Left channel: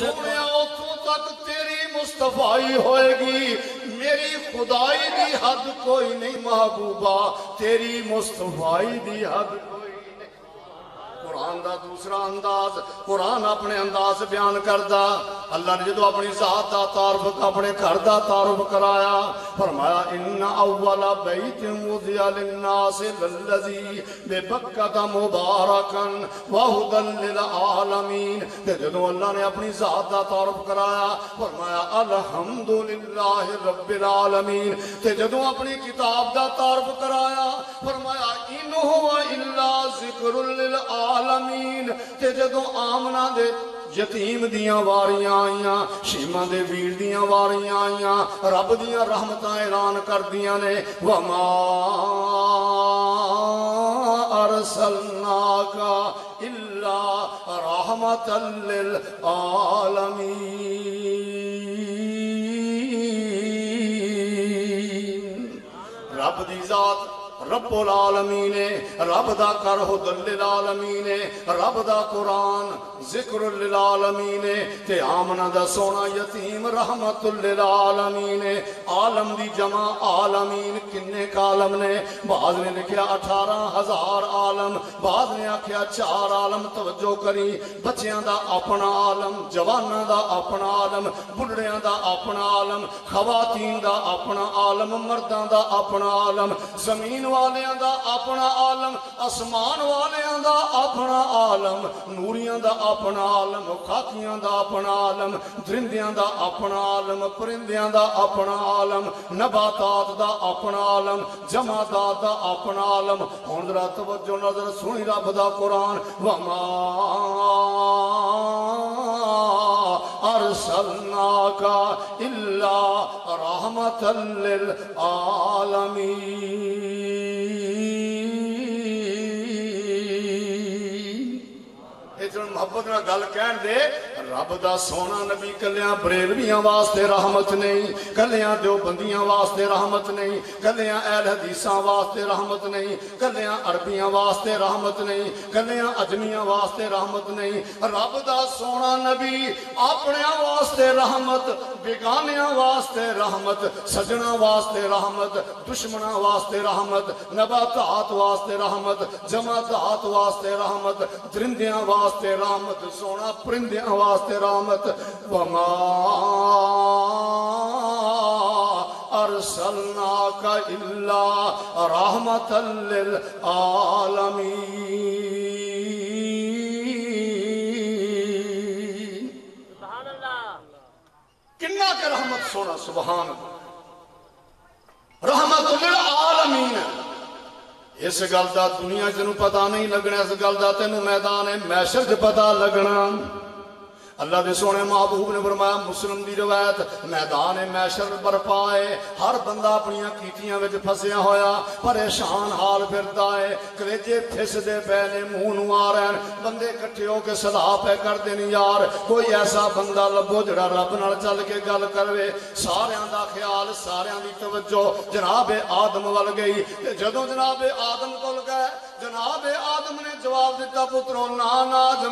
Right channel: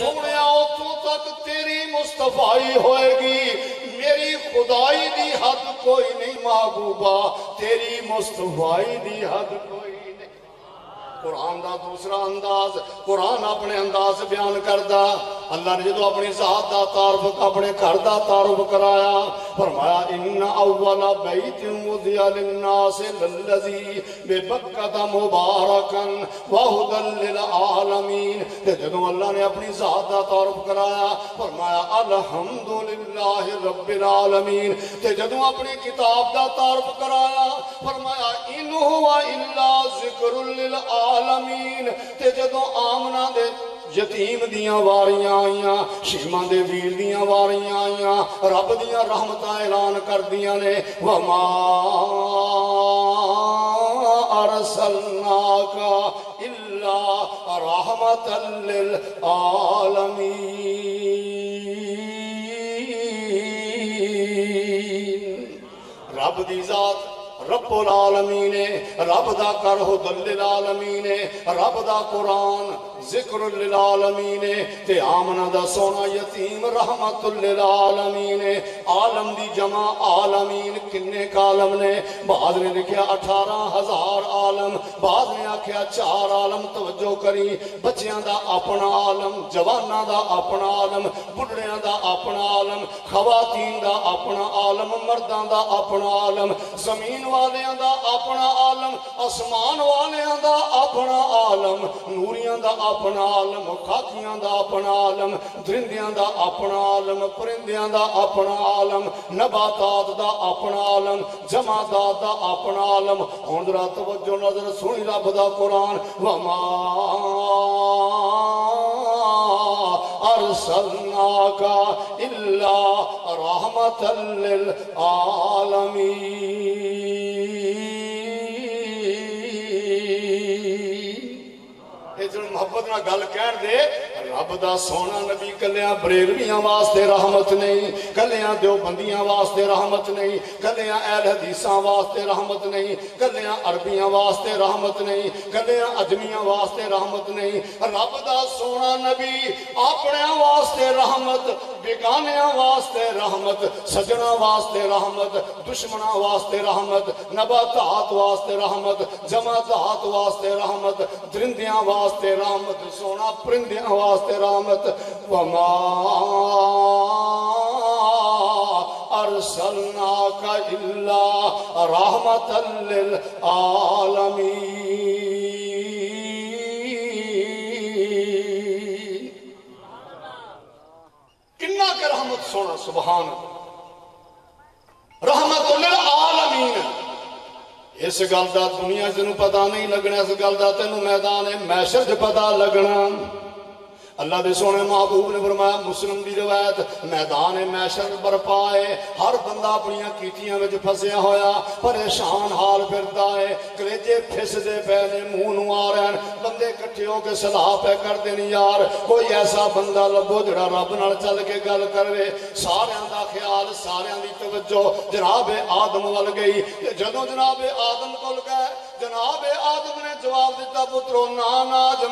سونیا اتوں تک تیری مصطفائی ہوئے گی، میری خدائی دی حد کوئی نہیں محبوبہ، تیری مصطفائی دی حد کوئی نہیں۔ قرآن دا دوسرا انداز، قرآن اپنے انداز بیان کردا، اللہ نے جدو اپنی ذات دا تعارف اپنے گھر دا تعارف کرایا، فرمایا ان اول بیت وضع للناس للذی ببکۃ مبارکا وہدی للعالمین۔ تے جدو اللہ نے اپنی ذات دا تعارف کرایا، فرمایا الحمدللہ رب العالمین۔ تے جدو اپنی کتاب دا تعارف کرایا، فرمایا ان هو الا ذکر للعالمین۔ تے جدو آمنہ دے یتیم دیاں واریاں آئیاں، شیمہ دے ویر دیاں واریاں آئیاں، رب دیاں رحمتاں اعلان کر دیاں نے وما ارسلناک الا رحمتا للعالمین۔ رب دی ذات رب العالمین، رب دا کر ہدی للعالمین، رب دا قرآن ذکر للعالمین، تے آمنہ دا سونا یتیم رحمت للعالمین۔ عالم دی جمع عالمین کنے عالم نے؟ بعض نے لکھیا 18,000 عالم، بعض نے آکھیا 4 عالم۔ توجہ کری، بچیاں دا اپنا عالم، جواناں دا اپنا عالم، بڑھڑیاں دا اپنا عالم، خواتین دا اپنا عالم، مرداں دا اپنا عالم، زمین والیاں دا اپنا عالم، آسمان والیاں دا اپنا عالم، نوریاں دا اپنا عالم، خاکیاں دا اپنا عالم، درندیاں دا اپنا عالم، پرندیاں دا اپنا عالم، نباتات دا اپنا عالم، جمادات دا اپنا عالم۔ ہن ذرا توجہ نظر سنی رب دا قرآن وما ارسلناک الا رحمتا للعالمین۔ جو محبت نہ گل کہن دے، رب دا سونا نبی کلیاں بریلویاں واسطے رحمت نہیں، کلیاں دیوبندیاں واسطے رحمت نہیں، کلیاں اہل حدیثاں واسطے رحمت نہیں، کلیاں عربیاں واسطے رحمت نہیں، کلیاں اجمیاں واسطے رحمت نہیں۔ رب دا سونا نبی اپنے واسطے رحمت، بیگانیاں واسطے رحمت، سجنا واسطے رحمت، دشمنا واسطے رحمت، نباتات واسطے رحمت، جمادات واسطے رحمت، درندیاں واسطے رحمت، سونا پرندیاں واسطے رحمت۔ وما ارسلناک الا رحمتا للعالمین۔ کنا کہ رحمت سونا، سبحان اللہ، رحمت للعالمین۔ اس گل دا دنیا جنوں پتہ نہیں لگنا، اس گل دا تینوں میدان محشر تے پتہ لگنا۔ اللہ دے سونے محبوب نے فرمایا، مسلم دی روایت، میدان محشر برپا ہے، ہر بندہ اپنی کیتیاں وچ پھسیا ہویا پریشان حال پھردا ہے، کلیجے پھس دے پے نے، منہ نوں آ رہے ہیں، بندے کٹھے ہو کے صلاح پہ کر دین یار کوئی ایسا بندہ لبو جڑا رب نال چل کے گل کرے۔ ساریاں دا خیال، ساریاں دی توجہ جناب آدم ول گئی۔ جدوں جناب آدم کول گئے، جناب آدم نے جواب دیتا، پترو نا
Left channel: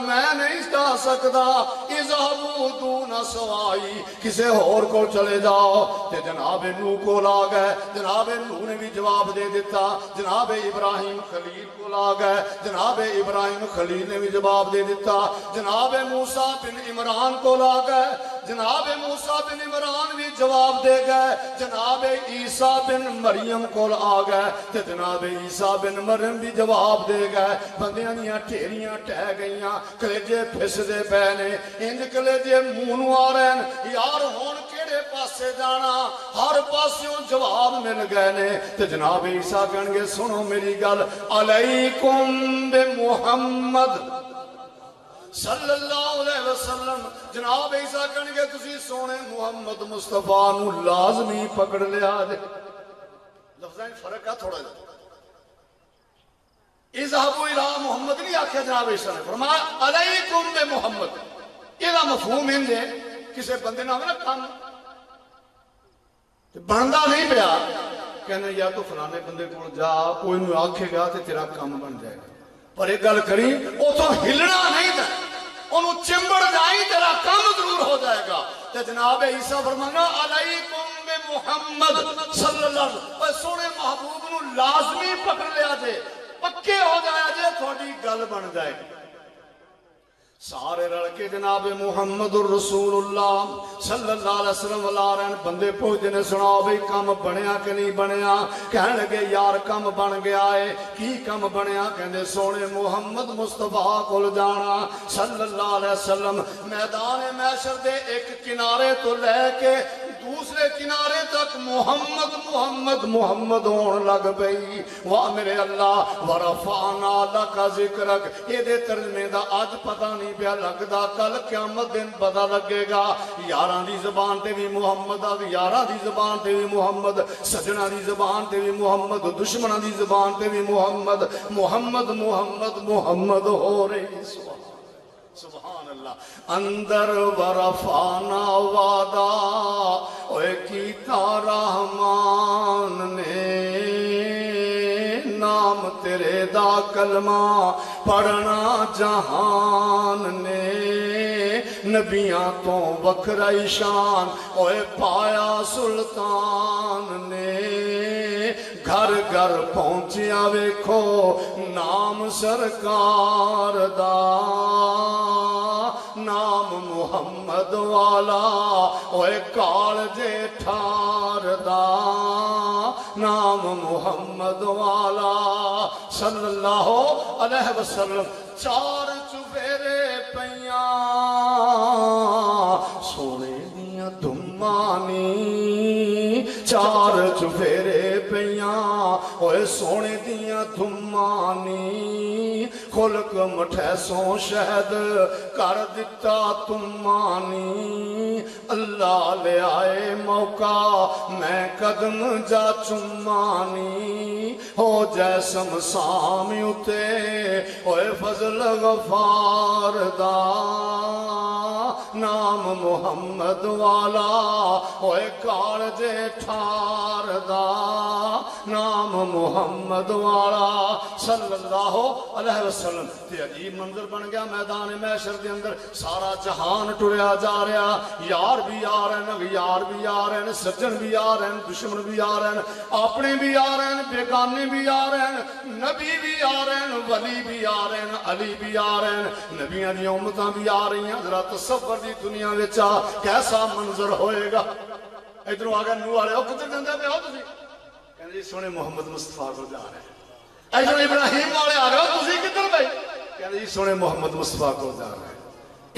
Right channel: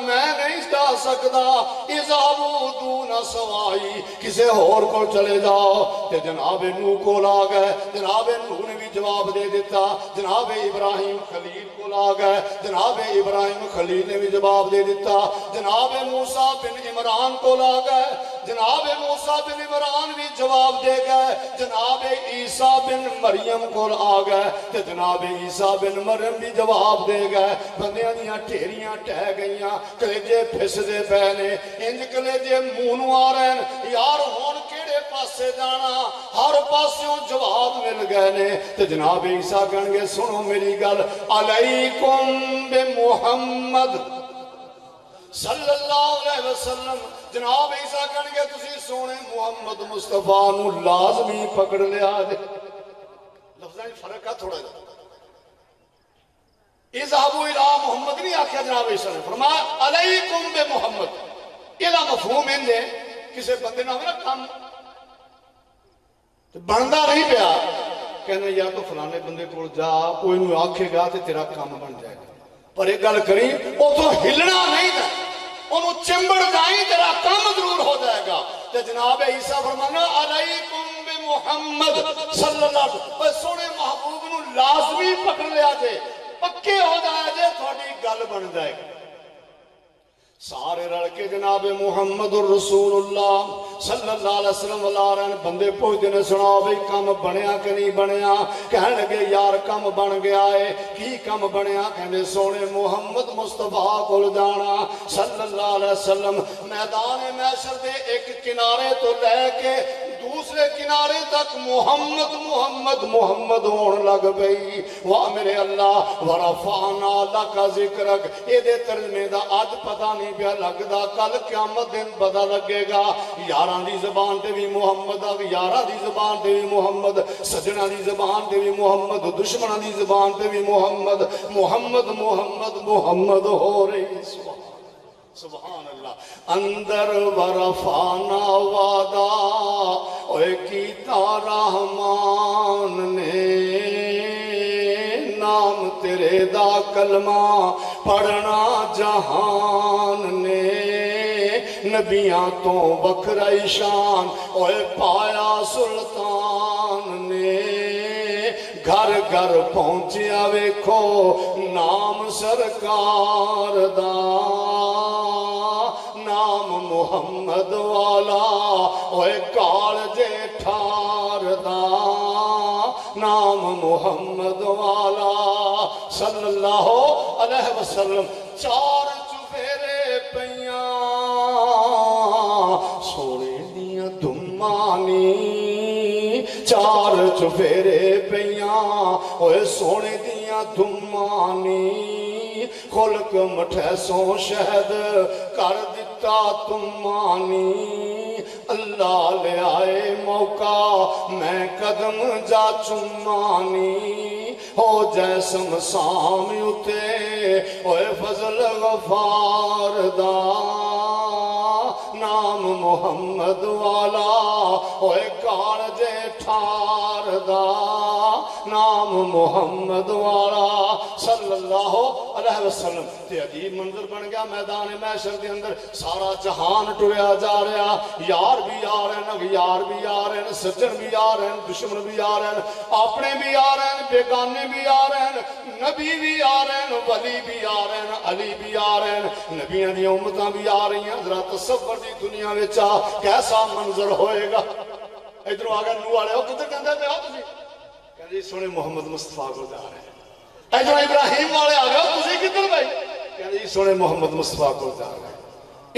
میں نہیں جا سکدا، اذهبوا دون سوائی، کسے اور کو چلے جاؤ۔ تے جناب نوح کو لا گئے، جناب نوح نے بھی جواب دے دیتا۔ جناب ابراہیم خلیل کو لا گئے، جناب ابراہیم خلیل نے بھی جواب دے دیتا۔ جناب موسیٰ بن عمران کو لا گئے، جناب موسیٰ بن عمران بھی جواب دے گئے۔ جناب عیسیٰ بن مریم کو آ گئے، تے جناب عیسیٰ بن مریم بھی جواب دے گئے۔ بندیاں دیاں ٹھیریاں ٹہ گئیاں، کلیجے پھس دے پے نے، انج کلیجے منہ نوں آ رہے ہیں، یار ہن کیڑے پاسے جانا؟ ہر پاسوں جواب مل گئے نے۔ تے جناب عیسیٰ کہن گے، سنو میری گل، علیکم بمحمد صلی اللہ علیہ وسلم۔ جناب عیسیٰ کہن گے، تسی سونے محمد مصطفیٰ نو لازمی پکڑ لیا جے۔ لفظاں فرق ہے تھوڑا جا، اذهبوا الى محمد نہیں آکھیا جناب عیسیٰ نے، فرمایا علیکم بمحمد۔ یہ مفہوم ہے کسی بندے نہ ہونا کام بنتا نہیں پیا، کہنا یا تو فلانے بندے کو جا، کوئی نو آکھے گا تو تیرا کام بن جائے گا، پر ایک گل کری، وہ تو ہلنا نہیں تھا، انہوں چمبڑ جائیں تیرا کام ضرور جناب عیسیٰ فرمانا علیکم بمحمد صلی اللہ علیہ وسلم، سونے محبوب نو لازمی پکڑ لیا جے، پکے ہو جایا جے، تھوڑی گل بن جائے گی۔ سارے رل کے جناب محمد الرسول اللہ صلی اللہ علیہ وسلم والا رہن بندے پوچھتے نے سناؤ بھئی کم بنیا کہ نہیں بنیا؟ کہنے لگے یار کم بن گیا ہے۔ کی کم بنیا؟ کہنے سونے محمد مصطفیٰ کول جانا صلی اللہ علیہ وسلم، میدان محشر دے ایک کنارے تو لے کے دوسرے کنارے تک محمد محمد محمد ہون لگ پئی۔ واہ میرے اللہ، ورفعنا لک ذکرک، اے دے ترجمے دا اج پتہ نہیں پیا لگدا، کل قیامت دن پتہ لگے گا۔ یاراں دی زبان تے بھی محمد آ، یاراں دی زبان تے بھی محمد، سجنا دی زبان تے بھی محمد، دشمناں دی زبان تے بھی محمد محمد محمد محمد ہو رہی۔ سبحان اللہ۔ اندر ورفعنا وعدہ اوے کیتا رحمان نے، نام تیرے دا کلمہ پڑھنا جہان نے، نبیاں تو وکھرائی شان اوے پایا سلطان نے، گھر گھر پہنچیا ویکھو نام سرکار دا، نام محمد والا اوے کالجے ٹھار دا، نام محمد والا صلی اللہ علیہ وسلم۔ چار چفیرے پیاں سونے دیاں دھمانی، چار چفیرے پیاں اوے سونے دیاں دھمانی، خلق مٹھے سو شہد کر دیتا تمانی، اللہ لے آئے موقع میں قدم جا چمانی، ہو جیسم سامی اتے اوے فضل غفار دا، نام محمد والا اوے کالجے ٹھار دا، نام محمد والا صلی اللہ علیہ وسلم۔ تے عجیب منظر بن گیا میدان محشر کے اندر، سارا جہان ٹریا جا رہا، یار بھی آ رہے ہیں، اغیار بھی آ رہے ہیں، سجن بھی آ رہے ہیں، دشمن بھی آ رہے ہیں، اپنے بھی آ رہے ہیں، بیگانے بھی آ رہے ہیں، نبی بھی آ رہے ہیں، ولی بھی آ رہے ہیں، علی بھی آ رہے ہیں، نبیاں دی امتاں بھی آ رہی ہیں۔ ذرا تصور دی دنیا وچ کیسا منظر ہوئے گا۔ ادھر آ گئے نو والے، او کدھر جاندے پے ہو تسی؟ کہندے سونے محمد مصطفیٰ کو جا رہے ہیں۔ ادھر ابراہیم والے آ گئے، تسی کدھر بھائی؟ کہندے سونے محمد مصطفیٰ کو جا رہے ہیں۔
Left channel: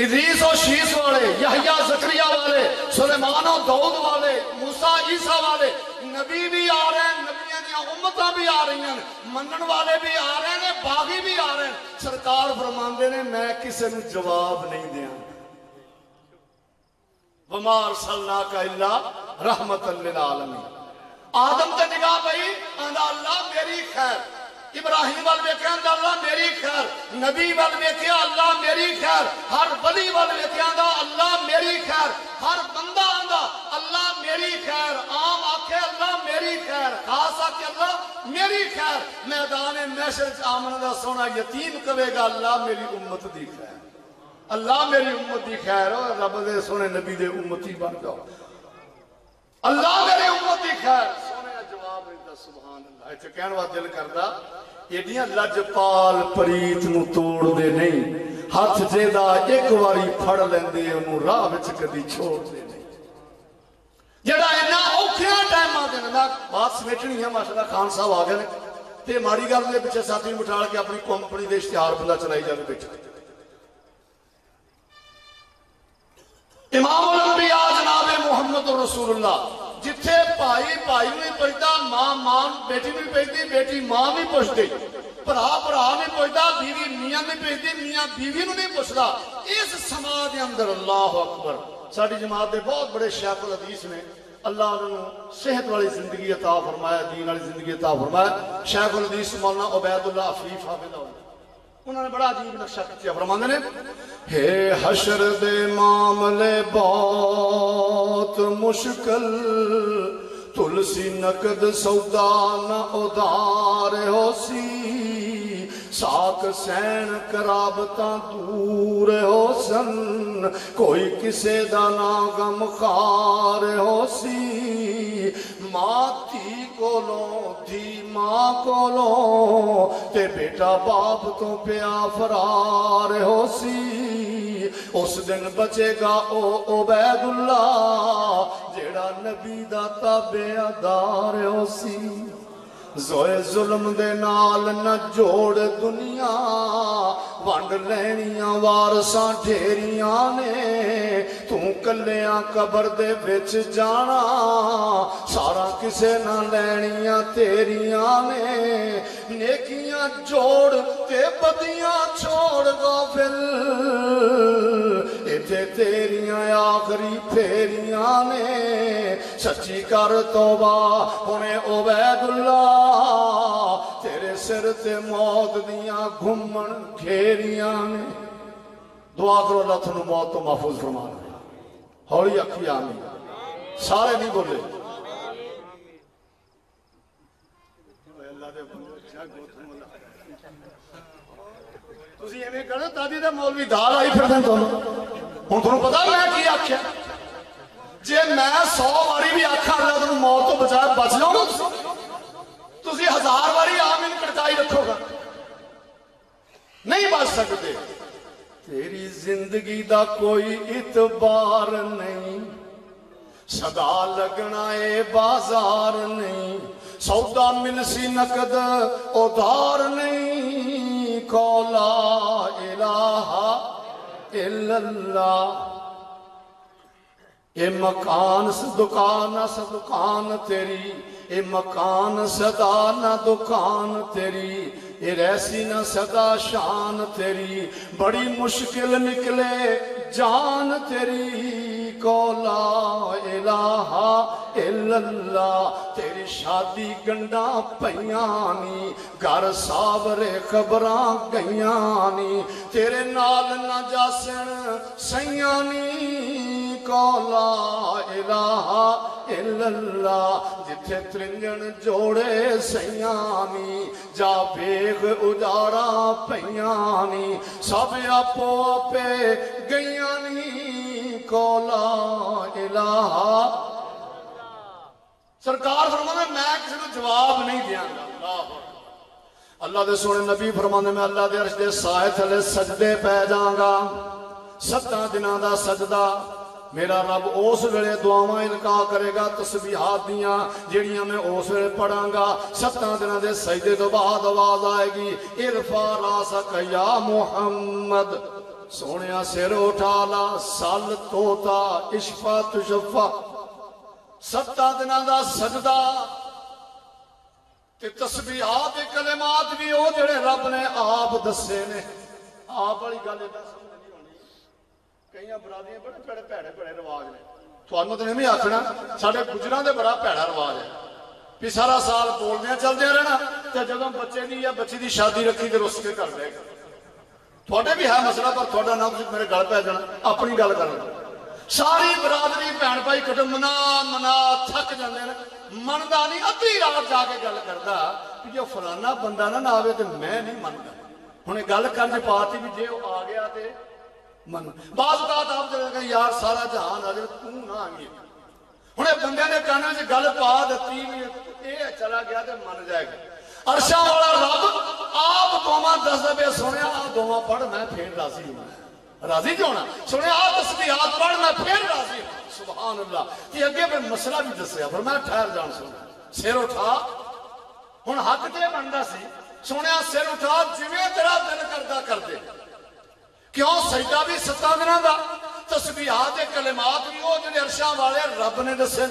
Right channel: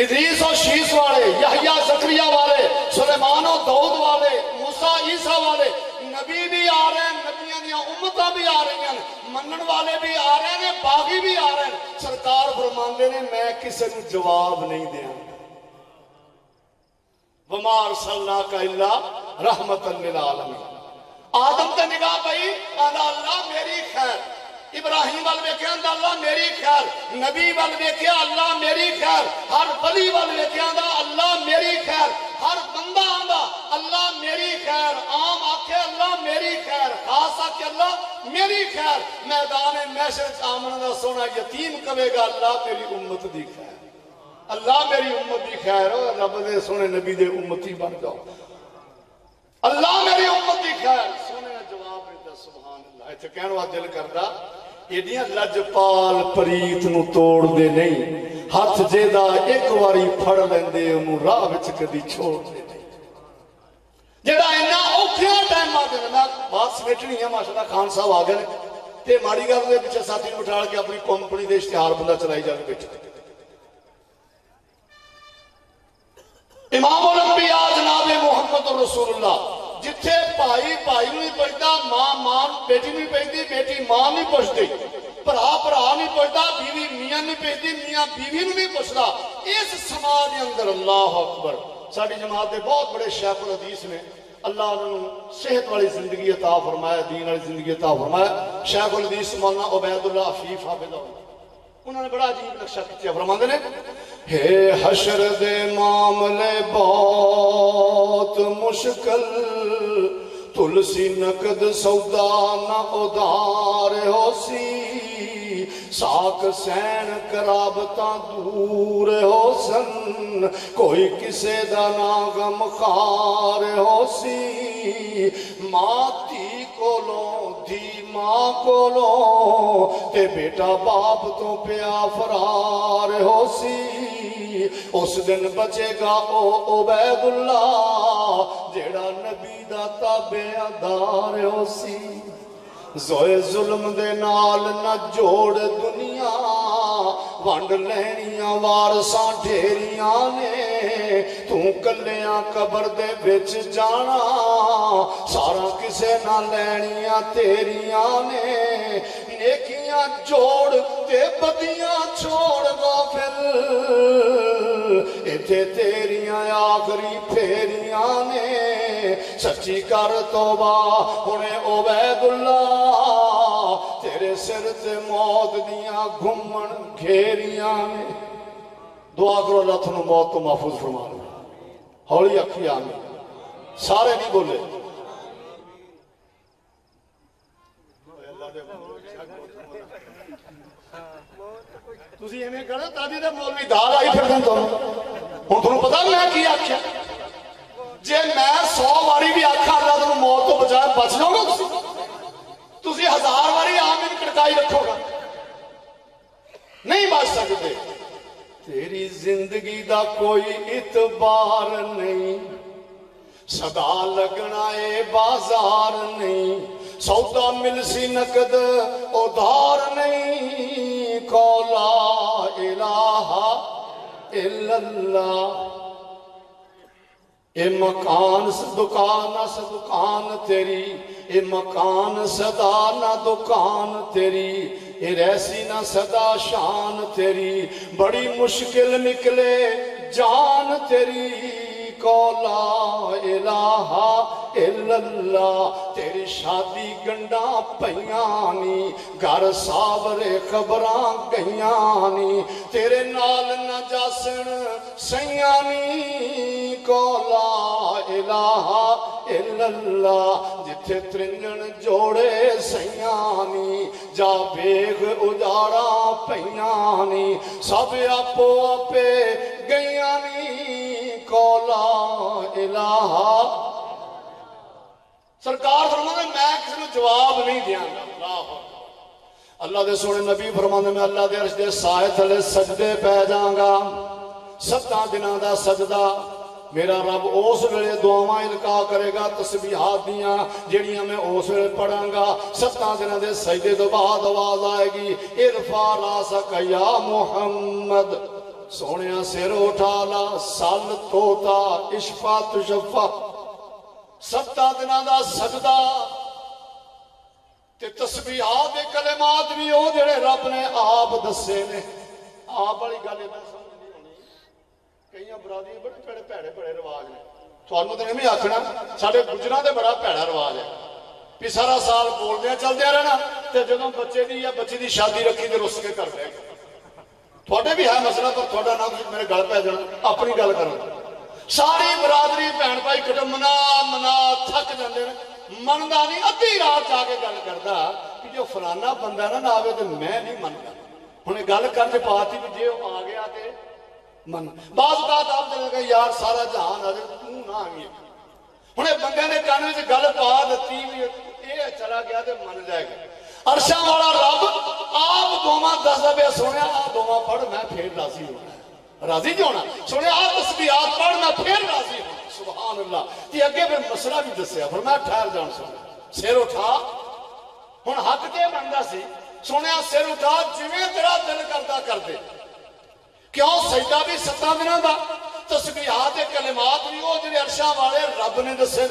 ادریس اور شیس والے، یحییٰ زکریا والے، سلیمان اور داؤد والے، موسیٰ عیسیٰ والے، نبی بھی آ رہے ہیں، نبیاں دی امتاں بھی آ رہی ہیں، منن والے بھی آ رہے ہیں، باغی بھی آ رہے ہیں۔ سرکار فرماندے نے میں کسی نے جواب نہیں دیاں، وما ارسلناک الا رحمۃ للعالمین۔ آدم تے نگاہ پئی، اللہ میری خیر، ابراہیم وال ویکھیا اللہ میری خیر، نبی وال ویکھیا اللہ میری خیر، ہر ولی وال ویکھیا اللہ میری خیر، ہر بندہ آندا اللہ میری خیر، عام آکھے اللہ میری خیر، خاص آکھے اللہ میری خیر۔ میدان محشر آمن دا سونا یتیم کہے گا اللہ میری امت دی خیر، اللہ میری امت دی خیر ہو، رب دے سونے نبی دے امتی بن جاؤ، اللہ میری امت دی خیر۔ سونے جواب دیتا سبحان اللہ۔ ایتھے کہن وا دل کردا ایڈیاں لجپال پریت نو توڑ دے نہیں، ہاتھ جیدا ایک واری پھڑ لیندے انہوں راہ وچ کدی چھوڑ دے نہیں۔ جڑا اینا اوکھیا ٹائماں دے نال بات سمیٹنی ہے، ماشاءاللہ خان صاحب آ گئے تے ماڑی گل دے پیچھے ساتھی بٹھا کے اپنی کمپنی دے اشتہار بندہ چلائی جا کے بیٹھے۔ امام الانبیاء جناب محمد رسول اللہ، جتھے بھائی بھائی نہیں پوچھتا، ماں ماں بیٹی نہیں پوچھتی، بیٹی ماں نہیں پوچھتی، بھرا بھرا نہیں پوچھتا، بیوی میاں نہیں پوچھتی، میاں بیوی نہیں پوچھتا۔ اس سماج کے اندر اللہ اکبر، ساری جماعت کے بہت بڑے شیخ الحدیث نے، اللہ انہوں صحت والی زندگی عطا فرمایا، دین والی زندگی عطا فرمایا۔ شیخ الحدیث مولانا عبید اللہ عفیف حافظ اللہ، انہوں نے بڑا عجیب نقشہ کیا، فرماندے نے ہے حشر دے معاملے بہت مشکل، تلسی نقد سودا نہ ادار ہو سی، ساک سین کرابتاں دور ہو سن کوئی کسے دا نا غم خار ہو سی ماں تھی کولوں دھی ماں کولوں تے بیٹا باپ تو پیا فرار ہو سی اس دن بچے گا او عبید اللہ جیڑا نبی دا تابعدار ہو سی زوئے ظلم دے نال نہ جوڑ دنیا ونڈ لینیاں وارساں ڈھیریاں نے تو کلیاں قبر دے وچ جانا سارا کسے نہ لینیاں تیریاں نے نیکیاں جوڑ تے بدیاں چھوڑ غافل ایتھے تیریاں آخری پھیریاں نے سچی کر توبہ ہونے عبید اللہ تیرے سر تے موت دیاں گھمن گھیریاں نے دعا کرو اللہ تھنو موت تو محفوظ فرما لے ہولی اکھی آمین سارے نہیں بولے تسی ایویں کرو تاجی دے مولوی دھار آئی پھر دیں تم ہن تانوں پتہ میں کی آکھیا جے میں 100 واری بھی آکھاں اللہ تانوں موت تو بچائے بچ جاؤ گا تسی 1000 واری آمین کڑکائی رکھو گا نہیں بچ سکتے تیری زندگی دا کوئی اعتبار نہیں صدا لگنا اے بازار نہیں سودا مل سی نقد ادھار نہیں کو لا الہ الا اللہ اے مکان دکان نہ دکان تیری اے مکان صدا نہ دکان تیری اے ریسی نہ صدا شان تیری بڑی مشکل نکلے جان تیری کو لا الہ الا اللہ تیری شادی گنڈا پیانی گھر سابرے خبراں گئیانی تیرے نال نہ جاسن سیانی کو لا الہ الا اللہ جتھے ترنجن جوڑے سیانی جا بیغ اجاڑا پیانی سب آپو آپے گئیانی کو لا الہ سرکار فرمانے میں کسی نے جواب نہیں دیا گا اللہ دے سونے نبی فرمانے میں اللہ دے عرش دے سائے تھلے سجدے پہ جاؤں گا 7 دنوں دا سجدہ میرا رب اس ویلے دعاواں القا کرے گا تسبیحات دیاں جڑیاں میں اس ویلے پڑھاں گا 7 دنوں دے سجدے تو بعد آواز آئے گی ارفع راسک یا محمد سونیا سر اٹھا لا سال توتا اشفا تشفا 7 دنوں دا سجدہ تے تسبیحات تے کلمات بھی او جڑے رب نے آپ دسے نے آپ والی گل ادا سمجھ نہیں ہونی کئی برادریاں بڑے پیڑے رواج نے تھانوں تے نہیں آکھنا ساڈے گجراں دے بڑا پیڑا رواج ہے کہ سارا سال بولدے چلدے رہنا تے جدوں بچے دی یا بچی دی شادی رکھی تے رس کے کر دے تھوڑے بھی ہے مسئلہ پر تھوڑا نہ میرے گل پہ جانا اپنی گل کرنا ساری برادری بہن بھائی کٹ منا تھک جاندے نے مندا نہیں ادھی رات جا کے گل کردا کہ جو فلانا بندہ نہ آوے تے میں نہیں مندا ہن گل کرن تے پارٹی بھی جے آ گیا تے من بعض بات آپ جڑا کہ یار سارا جہان آ جائے تو نہ آویں ہن بندے نے کان وچ گل پا دتی بھی اے چلا گیا تے من جائے گا عرشاں والا رب آپ دوواں دس دے سنیا آپ دوواں پڑھ میں پھر راضی ہونا راضی جو ہونا سنیا آپ تسبیحات پڑھ میں پھر راضی ہونا سبحان اللہ یہ اگے پھر مسئلہ بھی دسیا فرمایا ٹھہر جان سن سر اٹھا ہن حق تے بندا سی سنیا سر اٹھا جویں تیرا دل کردا کر دے کیوں سجدہ بھی 7 دنوں دا تسبیحات کلمات بھی وہ جڑے عرشاں والے رب نے دسے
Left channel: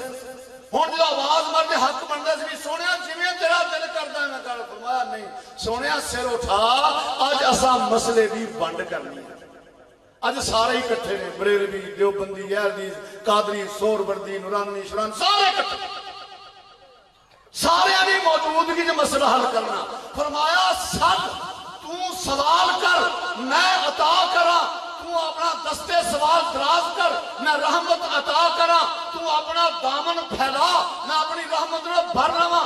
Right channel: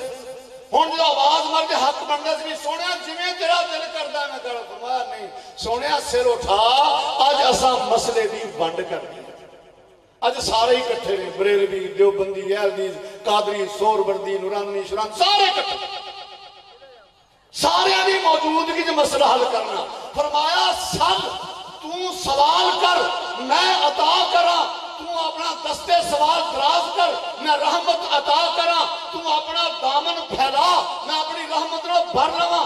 ہن جو آواز مار کے حق بندا سی سونیا جویں تیرا دل کردا میں کر فرمایا نہیں سونیا سر اٹھا اج اساں مسئلے دی ونڈ کرنی اج سارے ہی کٹھے نے بریلوی دیوبندی یزدی قادری سہروردی نورانی شران سارے کٹھے سارے دی موجودگی جو مسئلہ حل کرنا فرمایا سب تو سوال کر میں عطا کراں تو اپنا دستے سوال دراز کر میں رحمت عطا کراں تو اپنا دامن پھیلا میں اپنی رحمت نو بھر لواں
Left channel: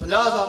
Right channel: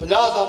50,000।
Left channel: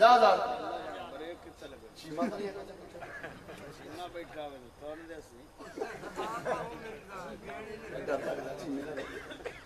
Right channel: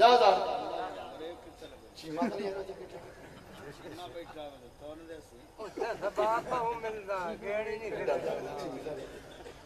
50,000।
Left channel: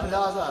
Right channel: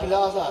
50,000